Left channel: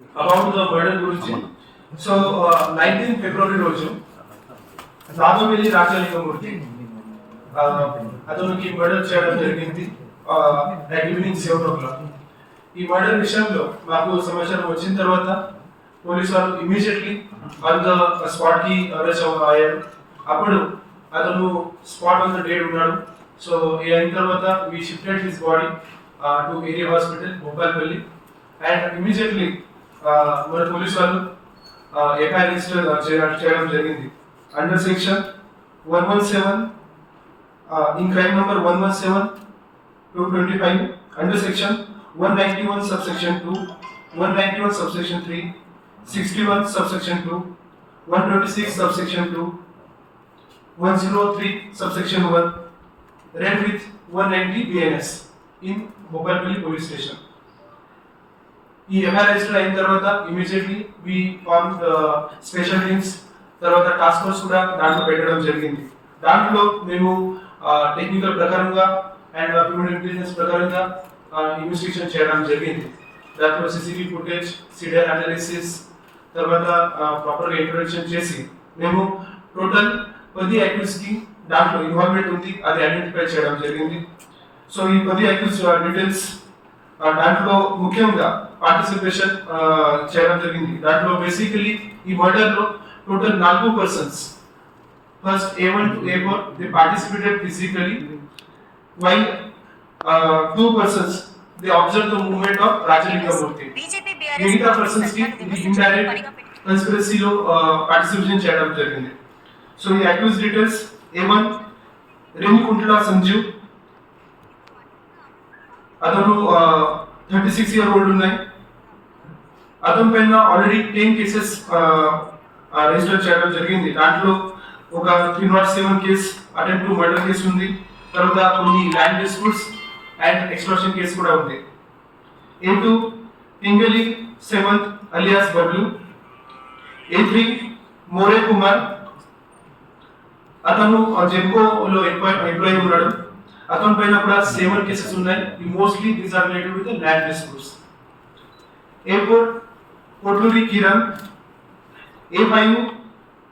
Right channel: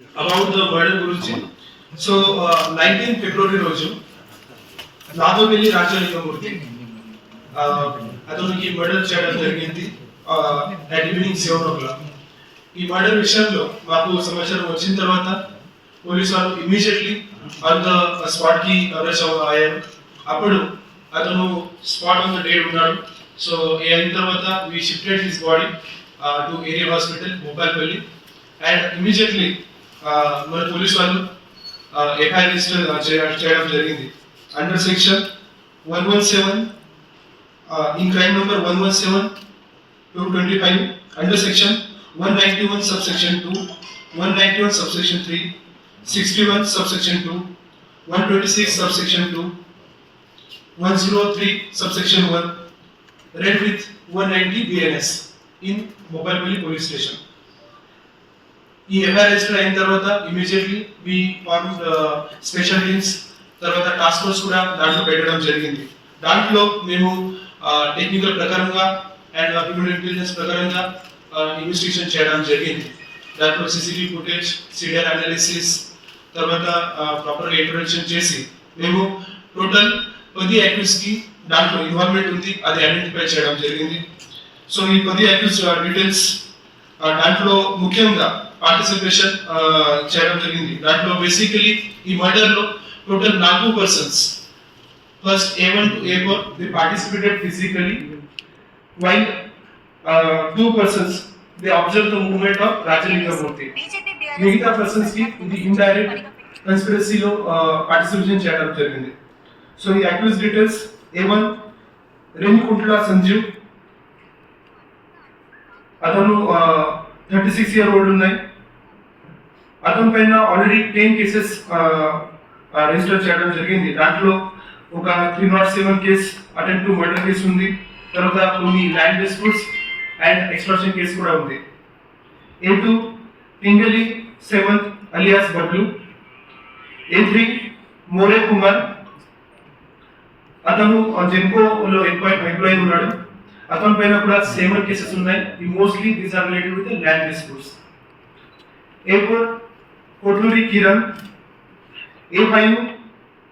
About the murder గురించి. So nineteen February రోజు నాదోగిరి రాజలింగమూర్తి ఆ, అతనికి మర్డర్ చేయడం జరిగింది. At evening seven o'clock ఈ మర్డర్ విషయంలో మాకు సమాచారం వచ్చిన తర్వాత పోలీసు వారు ఇమీడియట్లీ ఆన్ ద స్పాట్కి అరెస్ట్ అయ్యారు. అప్పుడు అతను స్పాట్ ఆన్ ద డేట్ ఉన్నాడు. సో ఈ అయిన తర్వాత we shifted his body to area hospital Bhupalpalli and immediately మన పోలీస్ వాళ్ళు ఎఫ్ఐఆర్ రిజిస్టర్ చేయడం జరిగింది under section one one seven in crime number one one seven two twenty five under section one ninety one subsection two one ninety one subsection three sixty one subsection two one twenty six subsection two one zero three subsection one read with one ninety BNS in మొబైల్పల్లి police station ఈ MR register అయిన తర్వాత immediately we form special teams తర్వాత task force కూడా దాంట్లో పెట్టడం జరిగింది. దాంట్లో మేము టెక్నికల్ ప్రకారంగా అండ్ హ్యూమన్ ఇంటెలిజెన్స్ ప్రకారంగా ఇన్వెస్టిగేషన్ చేయడం జరిగింది. దాంట్లో సిసిటివి ఫుటేజ్ సిడిఆర్ అనాలిసిస్ తర్వాత ప్రాపర్గా ఇంట్రొడక్షన్ చేసి మేము టోటల్ పది యాక్టివ్స్కి దాంట్లో ఇన్వాల్వ్మెంట్ ఉంది అది ఐడెంటిఫై చేయడం జరిగింది. సో ఈ పది యాక్టివ్స్ డీటెయిల్స్ దాంట్లో ముఖ్యంగా పార్టిసిపేషన్ చేయడం జరిగింది. దాంట్లో బేసికలీ ఈ మర్డర్లో టోటల్ నాలుగు persons first A one to A four they participated physically while two persons they observe the movement of Rajalingamurthy మిగతా పర్సన్స్కి ఇది ఇండైరెక్ట్ కన్స్పిరసీలో పార్టిసిపేషన్ చేయడం జరిగింది. సో ఈ actives details A one Renikuntla Sanjeev అతను థర్టీ సిక్స్ ఇయర్ ఓల్డ్ ఉన్నాయి. అతని పైన ఆల్రెడీ టెన్ కేసెస్ రిజిస్టర్ చేయడం జరిగింది. దాంట్లో ఒక three not seven case attempt to murder case ఉంది. తర్వాత కొన్ని land disputes and extraction case కూడా ఉంది. A two Pingali seventh alias Bablu A three More Kumar అతను జెంకోలో ఎంప్లాయ్ ఎంప్లాయీ ఉన్నాడు. అతని పైన కూడా సెవెన్ కేసెస్ ఉన్నాయి. ఈ mostly these are related with land disputes airport Kotluri Kiran A five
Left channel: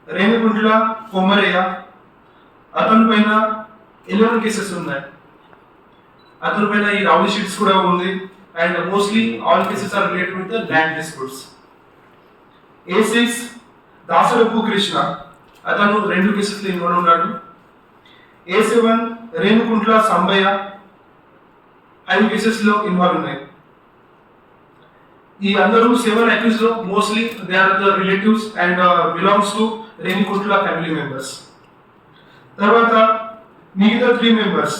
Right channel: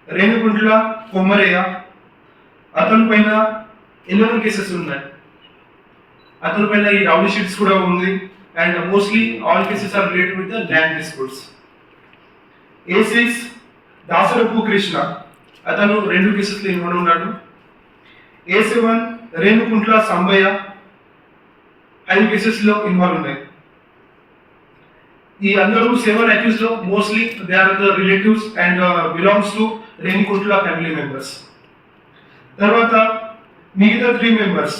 Renuguntla Komaraiah అతని పైన ఎలెవెన్ కేసెస్ ఉన్నాయి. అతని పైన ఈ రౌడీ షీట్స్ కూడా ఉంది. And mostly all cases are related with land disputes A six Dasarapu Krishna అతను రెండు కేసెస్లో ఇన్వాల్వ్ ఉన్నాడు. ఏ సెవెన్ రేణుకుంట్ల సంబయ్య ఐదు కేసెస్లో ఇన్వాల్వ్ ఉన్నాయి. ఈ అందరూ seven అక్యూస్లో mostly they are the relatives and belongs to Renikuntla family members తర్వాత మిగతా three members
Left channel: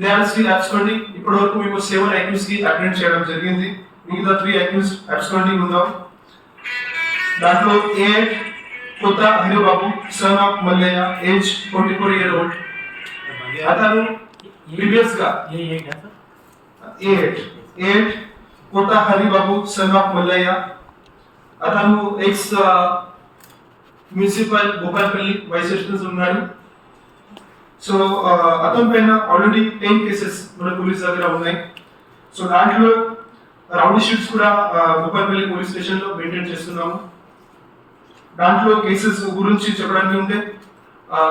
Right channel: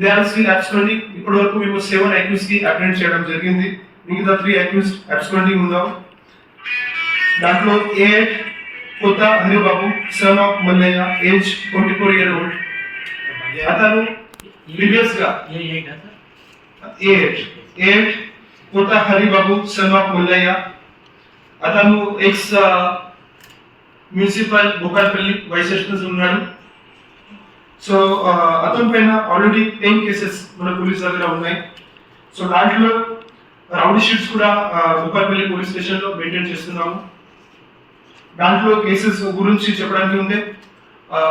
they are still absconding ఇప్పటి వరకు మేము సెవెన్ అక్యూస్కి అటెండ్ చేయడం జరిగింది. మిగతా త్రీ అక్యూస్ అబ్స్కండింగ్ ఉందాం. దాంట్లో A Kotha Haribabu son of Mallaiah age twenty four year old అతను ప్రీవియస్గా ఎయిట్ ఎయిట్ కొత్త హరిబాబు సన్ ఆఫ్ మల్లయ్య. అతను ex municipal Bhupalpalli vice president ఉన్నాడు. సో అతని పైన ఆల్రెడీ టెన్ కేసెస్ మన పోలీస్ దగ్గర ఉన్నాయి. సో దాంట్లో రౌడీ షీట్స్ కూడా భూపాల్పల్లి పోలీస్ స్టేషన్లో మెయింటైన్ చేస్తున్నాము. దాంట్లో కేసెస్ గురించి చెప్పడానికి ఉంటే ఆ,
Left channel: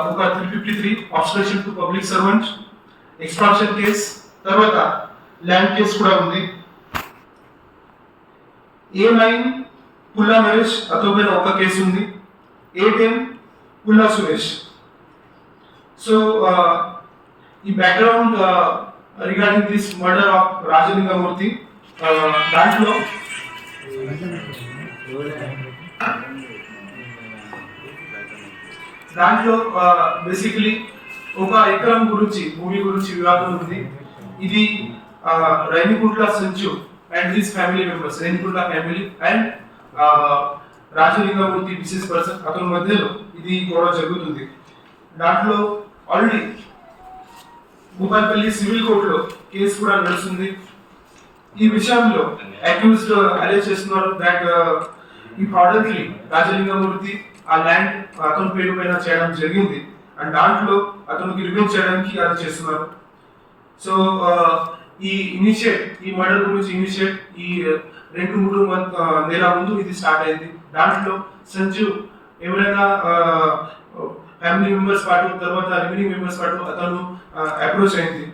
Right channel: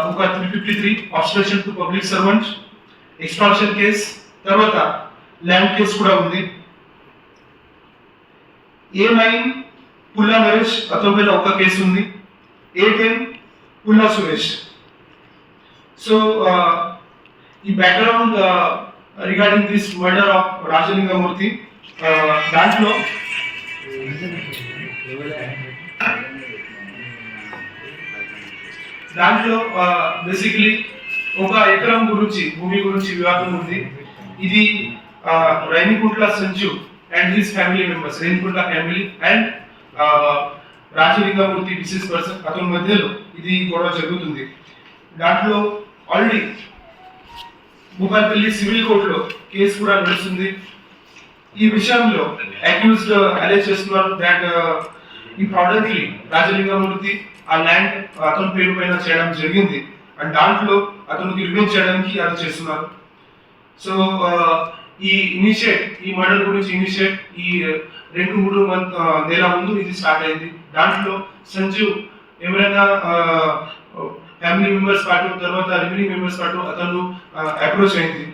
ఒక three fifty three obstruction to public servant extraction case తర్వాత ల్యాండ్ కేస్ కూడా ఉంది. ఏ నైన్ పుల్లా నరేష్ అతని మీద ఒక కేసు ఉంది A ten Pulla Suresh so ఈ background regarding this murder of Rajalingamurthy దాంట్లో దాంట్లో బేసికలీ ఒక ఎకరం గురించి భూమి గురించి వివాదం ఉంది. ఇది Renikuntla Sanju and his family members Renikuntla family and Rajalingamurthy business person అతని మధ్యలో ఇది గొడవ జరుగుతుంది. దాంట్లో ఆల్రెడీ భూపాల్పల్లి సివిల్ కోర్టులో కేసు కూడా నడుస్తుంది. ఈ విషయంలో అక్యూజ్డ్ అరేజ్ చేస్తున్నారు దాట్ ఈ ప్రాడక్ట్లీ రాజలింగమూర్తి ఆ ల్యాండ్ అతని పేరు పైన చేయడం జరిగింది. అండ్ దాంట్లో అతనికి రివ్యూ చేయడానికి అది చేస్తున్నారు. సో ఈ ఇనిషియేట్ ఈ మర్డర్ గురించి ఇనిషియేట్ ఈ రెండు మూడు మంత్ నెల ముందు ఇది స్టార్ట్ అయింది. దాంట్లో సంజీవ్ ఎవరైనా ఫ్యామిలీ మెంబర్స్ పాటు తర్వాత రెవెన్యూ మెంబర్స్ పాటు అతను అప్రోచ్ అయింది.